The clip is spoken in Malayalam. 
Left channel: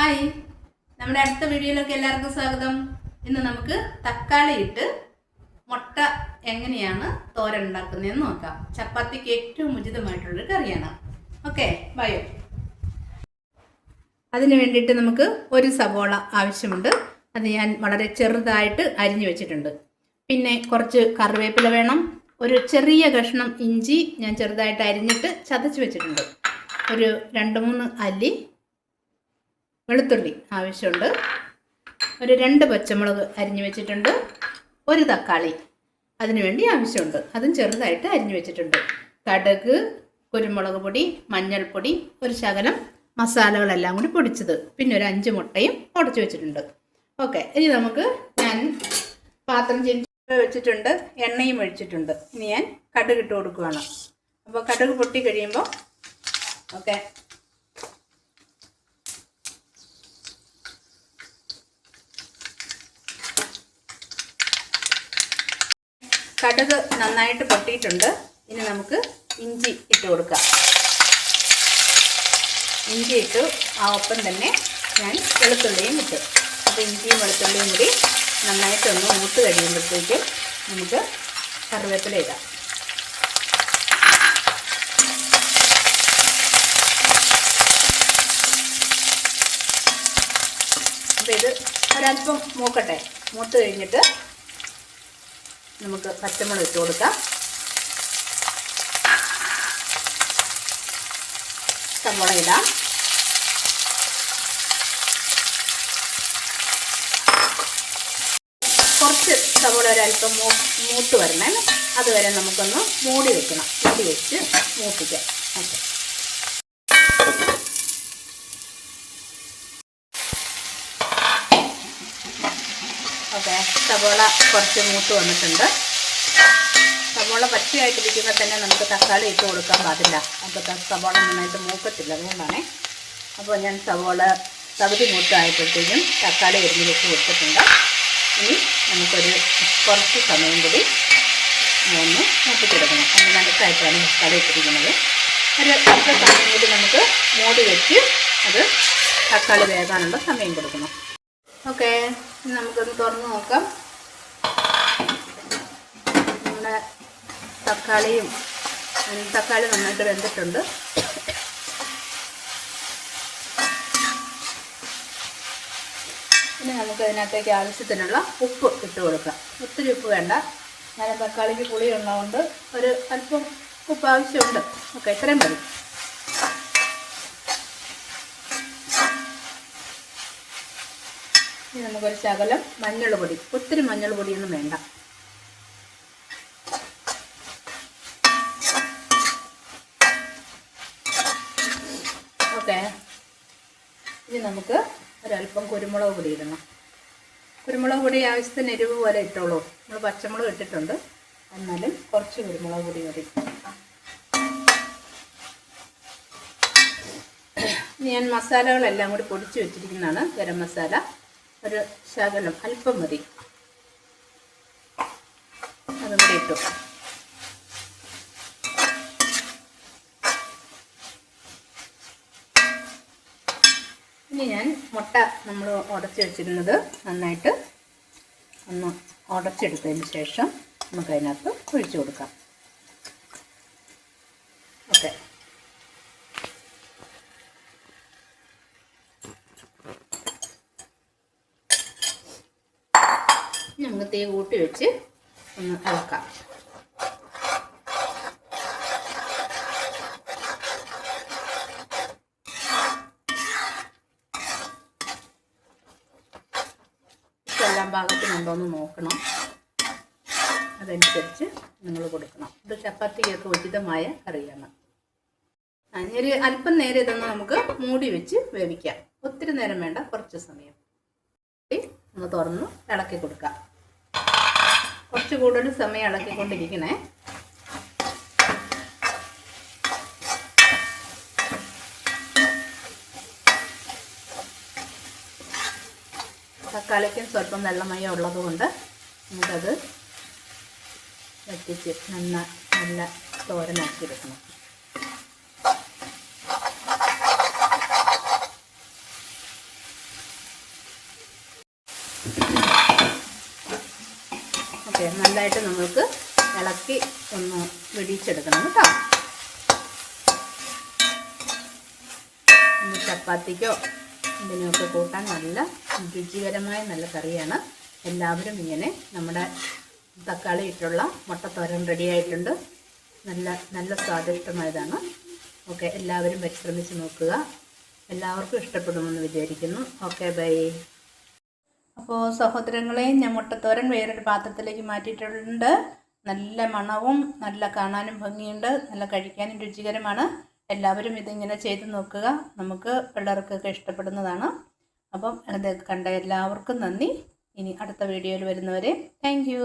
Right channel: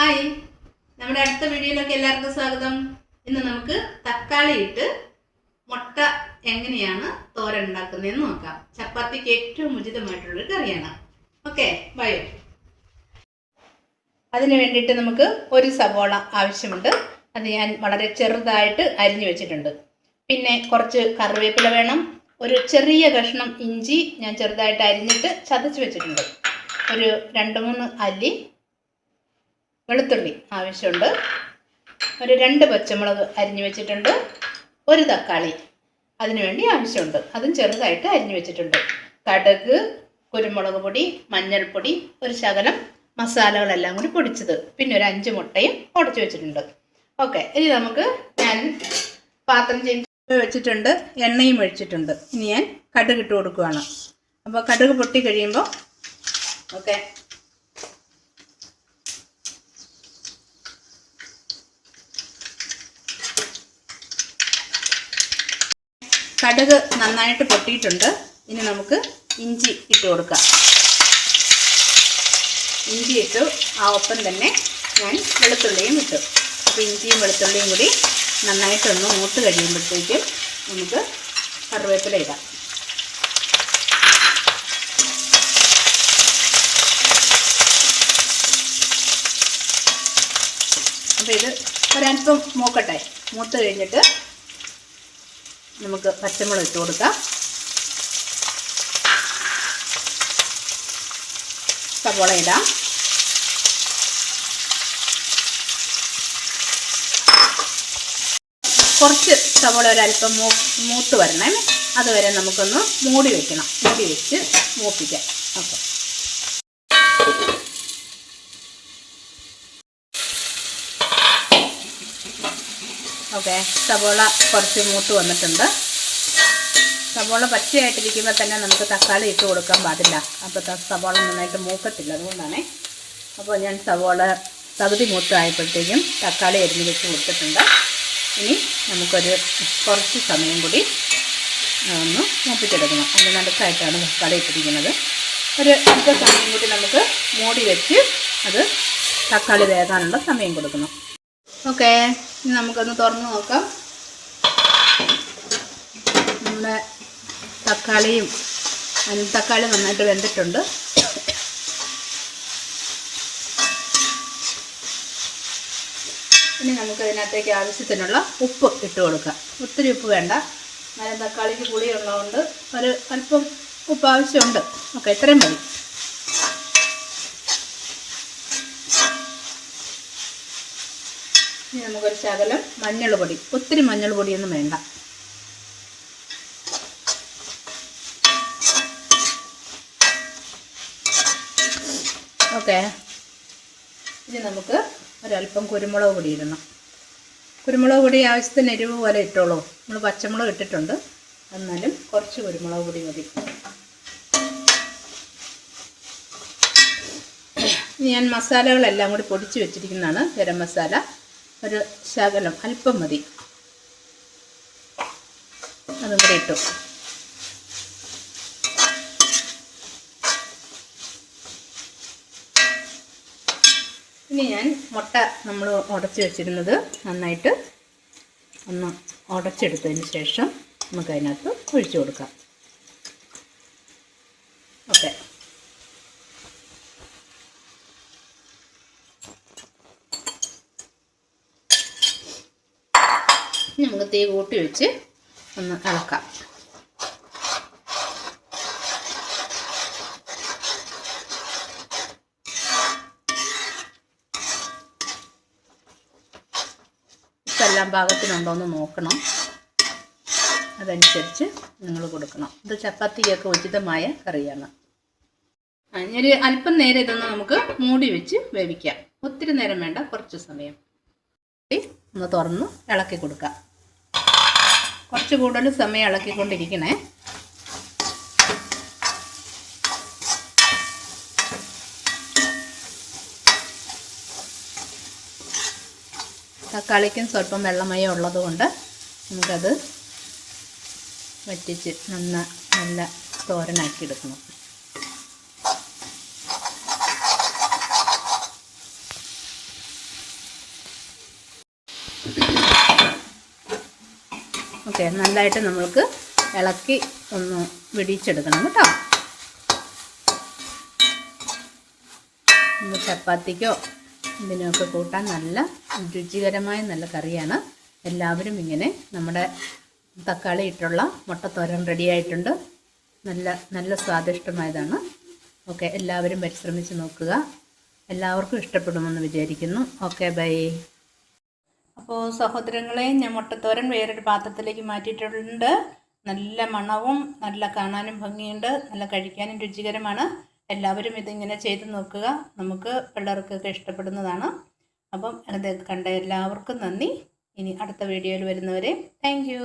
ഹായ്, നമ്മുടെ അടുത്ത വീഡിയോയിലേക്ക് എല്ലാവർക്കും സ്വാഗതം. ഇന്ന് നമുക്ക് തക്കാളി ഇട്ട് മുട്ട എങ്ങനെയാണ് തോരൻ ഉണ്ടാക്കുന്നതെന്ന് നോക്കാം. ചപ്പാത്തിക്ക് ഏറ്റവും ഉചിതമായിട്ടുള്ളൊരു കറിയാണ്. Okay, bio. അതിന് വേണ്ടിയിട്ട് നമുക്ക് ഒരു സവോള ആവശ്യമുണ്ട്. അത് ഞാൻ വളരെ ചെറുതായിട്ട് അരിഞ്ഞു വെച്ചിട്ടുണ്ട്. പിന്നെ കുറച്ച് കറിവേപ്പില വേണം. ഒരു ചെറിയ കഷ്ണം ഇഞ്ചി ഞാൻ ചെറുതായിട്ട് അരിഞ്ഞിട്ട് ചതച്ച് വെച്ചിട്ടുണ്ട്. ഒരു 2-3 അല്ലി വെളുത്തുള്ളി ആവശ്യമുണ്ട്. ഒരു 2 പച്ചമുളക് അരിഞ്ഞു വെച്ചിട്ടുണ്ട്. ഒരു തക്കാളി അതിനുവേണ്ടി ആവശ്യമുണ്ട്, അതും ചെറുതായിട്ട് അരിഞ്ഞു വെച്ചിട്ടുണ്ട്. കടുക്, കുരുമുളക് പൊടി, മഞ്ഞൾപ്പൊടി, ഒരു ശകലം മസാലകളെല്ലാം കൂടി പൊടിച്ചത്, പിന്നെ ഒരു 5 മുട്ടയും ഉടച്ചു വെച്ചിട്ടുണ്ട്. ഓക്കെ, ഇനി ഞാൻ പാത്രം വെച്ചിട്ടുണ്ട്, എണ്ണയും ഒഴിച്ചിട്ടുണ്ട്. ഇനി ഞാൻ കടുക് ഇട്ട് കൊടുക്കുകയാണ്. അപ്പോൾ കടുക് പൊട്ടി കഴിയുമ്പോൾ കടുക് നന്നായിട്ട് പൊട്ടിയിട്ടുണ്ട്. ഇനി നമുക്ക് ഇഞ്ചി ഇട്ട് കൊടുക്കാം. ഇഞ്ചി ഇട്ടു, ആ ഒപ്പം തന്നെ ഞാൻ വെളുത്തുള്ളിയും ഇട്ടു. അപ്പോൾ ഇഞ്ചിയും വെളുത്തുള്ളിയും കൂടി നന്നായിട്ടൊന്ന് മൂത്ത് കഴിയുമ്പോഴത്തേക്കും നമുക്ക് കറിവേപ്പില ഇടാം. അപ്പോൾ ഇത് ഒരല്പം മൂക്കട്ടെ. മൂത്ത് കഴിഞ്ഞിട്ട് നമുക്ക് പച്ചമുളക് ഇട്ട് കൊടുക്കാം. സവോള ഇടാം. കുറച്ച് സവോള ഒരല്പം മൂത്ത് വരണേ. അതുവരെ നമുക്കൊന്ന് മൂടി വെക്കണം. മൂടി വെച്ച് മൂപ്പിക്കാം. ഓക്കെ, സവോള കുറച്ച് മൂത്ത് വന്നിട്ടുണ്ട്. സവോള പച്ചയായിട്ടിരിക്കുമ്പോൾ തന്നെ നമുക്ക് തക്കാളി ഇട്ട് കൊടുക്കാൻ പാടില്ല. അപ്പോൾ സവോള നന്നായിട്ട് മൂക്കത്തില്ല, അതുകൊണ്ടാണ്. അപ്പോൾ ഞാൻ സവോള പകുതി മൂത്തായപ്പോഴത്തേക്കും തക്കാളി എരിഞ്ഞ് ഇട്ട് കൊടുത്തിട്ടുണ്ട്. ഇനി നമുക്കൊരു കുറച്ച് സമയം കൂടി ഒന്ന് മൂപ്പിച്ചെടുക്കണം. അതിന് നടുക്കായിട്ടാണ് തക്കാളി ഇട്ടിരിക്കുന്നത്. ഒരു അല്പ സമയം കൂടി നമുക്ക് മൂടി വെച്ച് അത് തക്കാളി വേകാനുള്ള സമയം കൊടുക്കണം. ഓക്കെ, ഇനി നമുക്കൊന്ന് തുറന്ന് നോക്കാം. നമ്മുടെ തക്കാളി നന്നായിട്ട് വെന്തിട്ടുണ്ട്. ഇനി നമുക്ക് ഇതിനകത്തേക്ക് ആവശ്യത്തിനുള്ള ഉപ്പ് ഇട്ട് കൊടുക്കാം. ഒത്തിരി ഉപ്പ് വേണ്ട, നല്ല തക്കാളിക്ക് പുളി ഉള്ളതുകൊണ്ട് ഒരു അല്പം ഉപ്പ് ആവശ്യമുണ്ട്. ഓക്കെ, ഇത്രയും മതി. ഇനി നമുക്കൊരു ശകലം മഞ്ഞൾ പൊടി, ഒത്തിരി മഞ്ഞൾ പൊടിയൊന്നും വേണ്ട. ഓക്കെ, ഇനി നമുക്ക് ഒരല്പം കുരുമുളക് പൊടി ഇടണം. കുരുമുളക് പൊടി ആവശ്യത്തിന് എരിവ് പോലെ ഇട്ടോളൂ. നമ്മൾ പച്ചമുളക് ഇട്ടിട്ടുണ്ട്, എന്നാലും കുറച്ച് കുരുമുളക് പൊടി മതി. ഇനി ഞാൻ മസാലകളെല്ലാം കൂടി പൊടിച്ച് വെച്ചിരിക്കുന്നതാണ്. ഗരം മസാല ഒരു ശകലം അല്പം മതി, അതും കൂടി ഇട്ടു. ഇനി ഞാൻ മുട്ട നമ്മൾ ഉടച്ച് വെച്ചിരുന്നത് നന്നായിട്ട് ഒന്ന് ഉടച്ചെടുത്തതിന് ശേഷം നമുക്കതിനകത്ത് ഒഴിച്ചു കൊടുക്കാം. ഓക്കെ, നമുക്ക് തീ കൂട്ടി വെച്ച് ഒന്ന് ഇളക്കാം. ഇതെല്ലാം പാകത്തിനുണ്ടോ എന്ന് നോക്കണം, അതനുസരിച്ച് നിങ്ങൾ കൊടുക്കണം. ഇത് ചപ്പാത്തിക്കൊക്കെ ഉചിതമായ കറിയാണ്. ഒരു അല്പം നേരം ഇതൊന്ന് നമുക്ക് മൂടി വെച്ച് വേവിക്കാം. ഒത്തിരി നേരം വേണ്ട, കുറച്ച് സമയം. ഒന്ന് തുറന്ന് ഇളക്കി കൊടുക്കാം. കുറച്ച് കൂടുതൽ സമയം ഇളക്കിക്കൊണ്ടിരിക്കണേ. തക്കാളിക്കും സ്വല്പം വെള്ളമയം ഉള്ളതുകൊണ്ട് നമുക്കത് വറ്റിച്ച് നല്ല തോരനാക്കി എടുക്കണം. ഓക്കെ, നല്ലതായിട്ട് നമുക്ക് ഇളക്കി ഒന്ന് വെടിച്ചെടുക്കണം കേട്ടോ. ഇന്ന് ചപ്പാത്തിക്കോ ഇതിനൊക്കെ കൂട്ടാൻ നല്ല രുചികരമായ നല്ല കറിയാണ്. എല്ലാവരും ഇങ്ങനെ നമ്മുടെ തക്കാളി ഇട്ടുള്ള മുട്ടത്തോരൻ റെഡിയായിട്ടുണ്ട്. നല്ല സ്വാദിഷ്ടമായതാണ്. ഓക്കെ, എല്ലാവരും പരിശ്രമിച്ച് നോക്കുക. എല്ലാവർക്കും ഇഷ്ടപ്പെടുമെന്ന് വിചാരിക്കുന്നു. Okay, bye. അപ്പോൾ സഹോദരങ്ങളെ, ഞാൻ മുട്ടത്തോരൻ വേറൊരു പാത്രത്തിലേക്ക് മാറ്റിയിട്ടുണ്ട്. നല്ല മണവും നല്ല കാണാനും ഭംഗിയുണ്ട്, നല്ല കഴിക്കാനും രുചികരമാണ്. എല്ലാവരും ഇതിങ്ങനെ ചെയ്ത് നോക്കുക. നമുക്ക് പിള്ളേർക്കൊക്കെ ഇഷ്ടപ്പെടുന്നതാണ്. അപ്പം അത് കണ്ട എല്ലാവർക്കും നന്ദി. ഇനി അടുത്ത വീഡിയോയിൽ വരുന്നവരെ താങ്ക് യു.